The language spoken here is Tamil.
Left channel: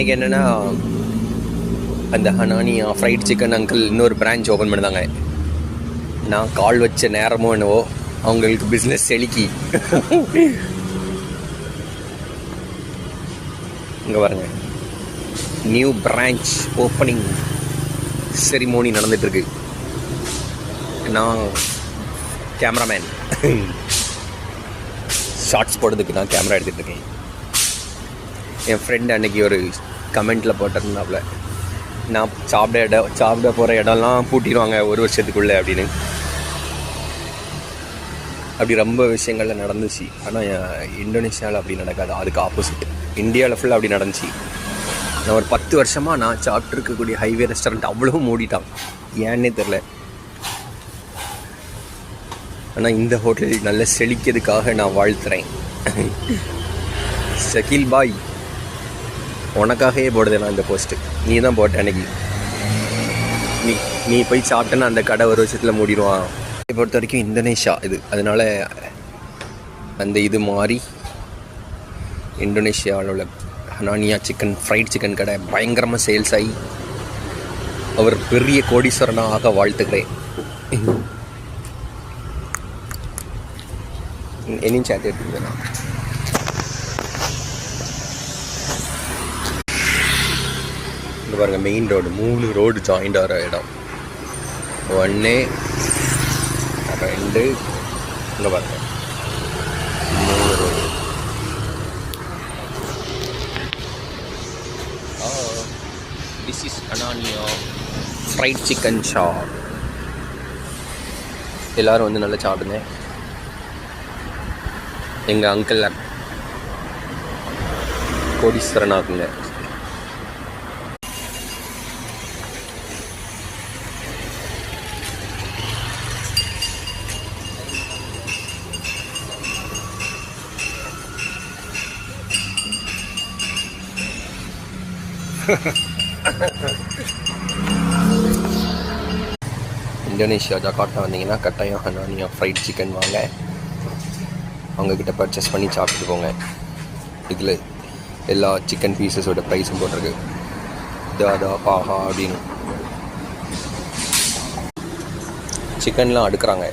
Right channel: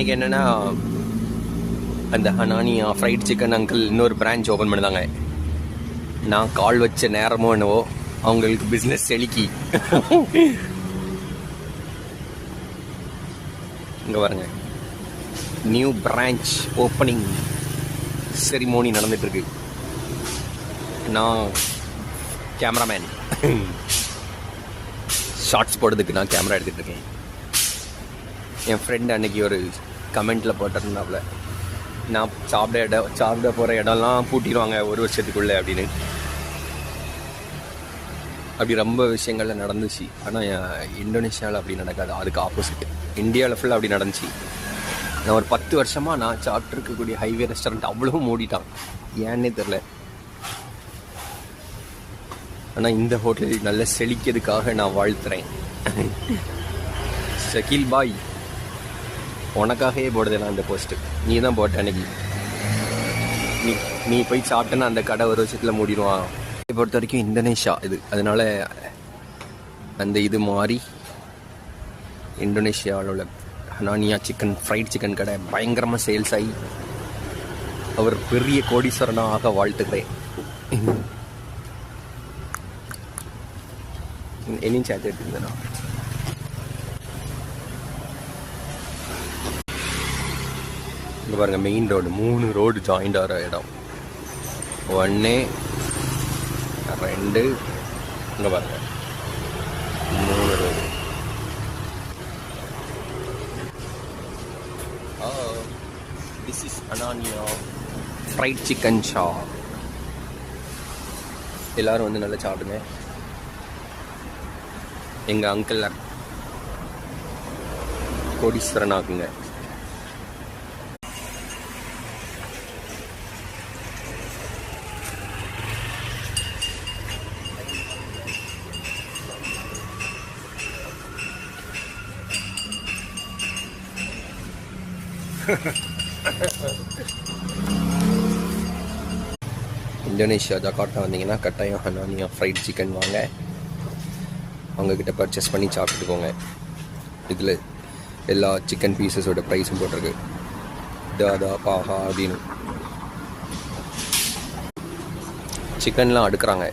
இன்றைக்கி என்னென்னா அந்த ஹனானியா ஃப்ரைட் சிக்கன் அங்கிள் இன்னொரு பிரான்ச் ஓப்பன் பண்ணியிருந்தாங்க. நான் கால் வச்ச நேரமோ என்னவோ அவங்களுக்கு பிஸ்னஸ் செழிக்கி. இங்கே பாருங்க, நியூ பிரான்ச் ஓப்பனிங் செரிமோனி நடந்துகிட்ருக்கு. நான் கேமராமேன், ஷார்ட்ஸ் போடுறதுக்கு நான் கேமரா எடுத்துகிட்டு இருக்கேன். என் ஃப்ரெண்ட் அன்றைக்கி ஒரு கமெண்ட்டில் போட்டிருந்தாப்புல, நான் சாப்பிட போகிற இடம்லாம் பூட்டிடுவாங்க ஒரு வருஷத்துக்குள்ளே அப்படின்னு. அப்படி ரொம்ப விஷயங்கள்ல நடந்துச்சு. ஆனால் இந்தோனேஷியாவில் அப்படி நடக்காது, அதுக்கு ஆப்போசிட். இந்தியாவில் ஃபுல்லாக அப்படி நடந்துச்சு. நான் ஒரு 10 வருஷமாக நான் சாப்பிட்ருக்கக்கூடிய ஹைவே ரெஸ்டாரண்ட் அவ்வளோ மூடிட்டான், ஏன்னே தெரில. ஆனால் இந்த ஹோட்டல் நல்ல செழிக்கிறதுக்காக நான் வாழ்த்துறேன். ஷக்கீல் பாய், உனக்காகவே போடுது நான் இந்த போஸ்ட்டு. நீ தான் போட்ட அன்னைக்கு. நீ போய் சாப்பிட்டேன்னா அந்த கடை ஒரு வருஷத்தில் மூடிடுவான். இதை பொறுத்த வரைக்கும் இந்தோனேஷியா இது, அதனால் அந்த இது மாறி இந்தோனேஷியாவில் உள்ள ஹனானியா சிக்கன் ஃப்ரைட் சிக்கன் கடை பயங்கரமாக சேல்ஸ் ஆகி அவர் பெரிய கோடீஸ்வரனாக வாழ்த்துக்கிறேன். என்னையும் சேர்த்து எடுத்துக்கிறேன். இங்கே பாருங்கள், மெயின் ரோடு 3 ரோடு ஜாயிண்ட் ஆகிற இடம். 1 2 இங்கே பாருங்க. திஸ் இஸ் ஹனானியா ஃப்ரைட் சிக்கன் ஷாப். எல்லோரும் வந்து நல்லா சாப்பிடுங்க. எங்கள் அங்கிள் கோடீஸ்வரனாக்குங்க. இந்தோனேஷியா ஜகார்த்தா வந்தீங்கன்னா கட்டாயம் ஹனானியா ஃப்ரைட் சிக்கன் வாங்க. அவங்கக்கிட்ட பர்ச்சேஸ் பண்ணி சாப்பிட்டுக்கோங்க. இதில் எல்லா சிக்கன் பீசஸோட ப்ரைஸும் போட்டிருக்கு. தாதா ஆஹா அப்படின்னு சிக்கன்லாம் அடுக்கிறாங்க.